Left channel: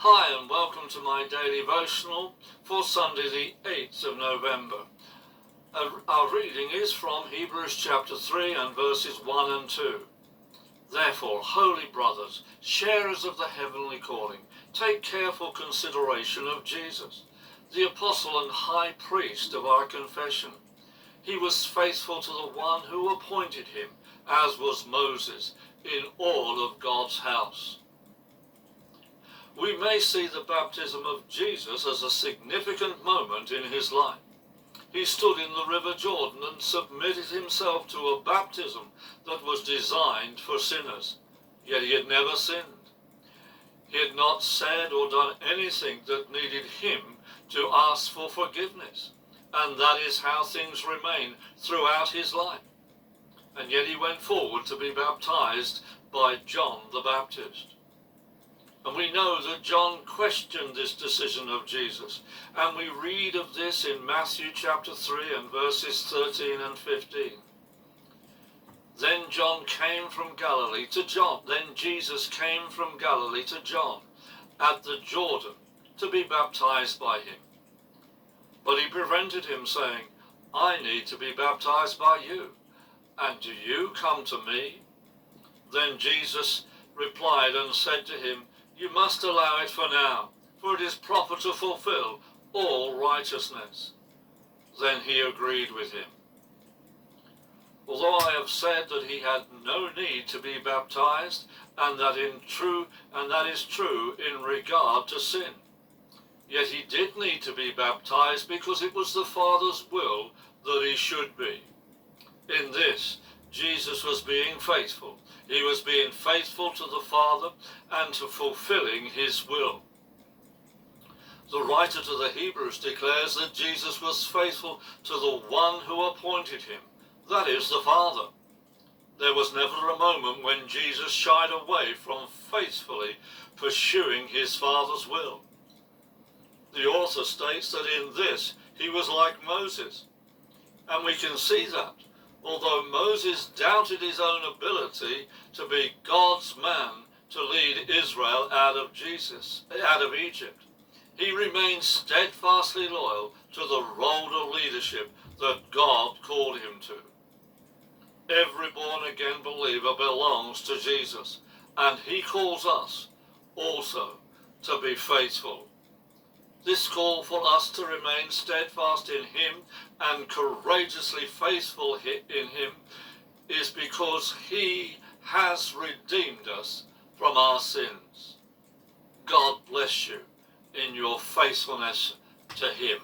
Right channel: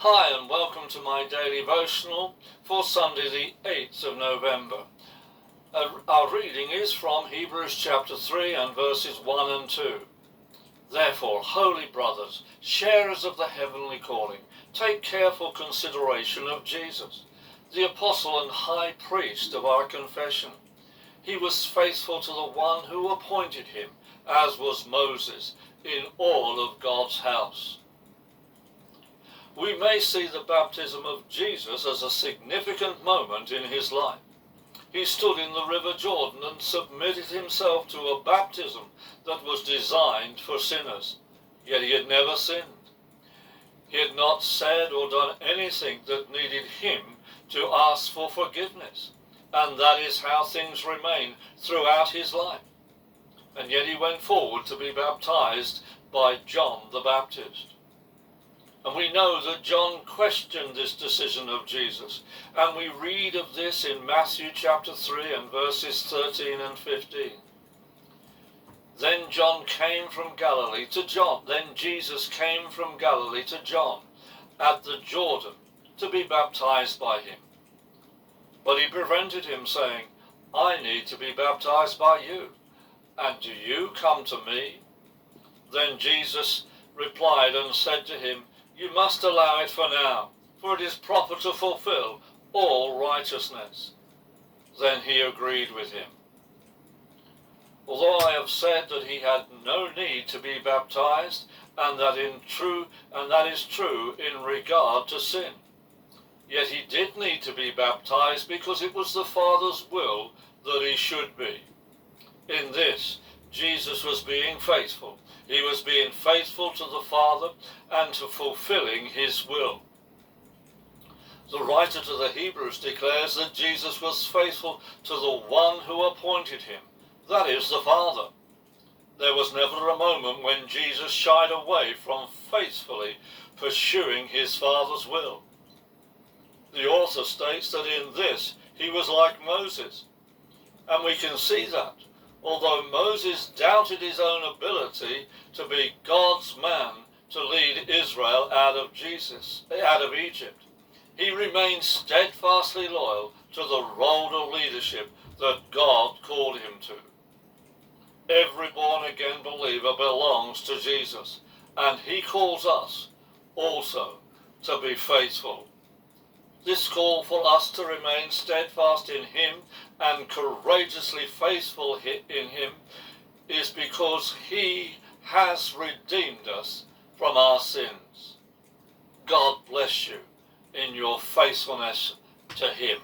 Hi and welcome to my daily devotional for Sunday the 8th of November. Our reading is from Hebrews chapter 3 and verses 1 and 2. Therefore, holy brothers, sharers of the heavenly calling, take careful consideration of Jesus, the apostle and high priest of our confession. He was faithful to the one who appointed him, as was Moses, in all of God's house. We may see the baptism of Jesus as a significant moment in his life. He stood in the river Jordan and submitted himself to a baptism that was designed for sinners, yet he had never sinned. He had not said or done anything that needed him to ask for forgiveness, and that is how things remain throughout his life. And yet he went forward to be baptized by John the Baptist. And we know that John questioned this decision of Jesus. And we read of this in Matthew chapter 3 and verses 13 and 15. Then Jesus came from Galilee to John at the Jordan to be baptized by him. But he prevented him, saying, I need to be baptized by you, and do you come to me? Then Jesus replied and said to him, You must allow it for now, for it is proper to fulfill all righteousness. Then he agreed with him. Although I have said that he had no need to be baptized, and that is true in regard to sin, yet he did need to be baptized because it was the Father's will that he should be. In this, Jesus was being faithful. He was being faithful to the Father and to fulfilling his will. The writer to the Hebrews declares that Jesus was faithful to the one who appointed him, that is, the Father. There was never a moment when Jesus shied away from faithfully pursuing his Father's will. The author states that in this he was like Moses, and we can see that. Although Moses doubted his own ability to be God's man to lead Israel out of Egypt, he remained steadfastly loyal to the role of leadership that God called him to. Every born-again believer belongs to Jesus, and he calls us also to be faithful. This call for us to remain steadfast in him and courageously faithful in him is because he has redeemed us from our sins. God bless you in your faithfulness to him.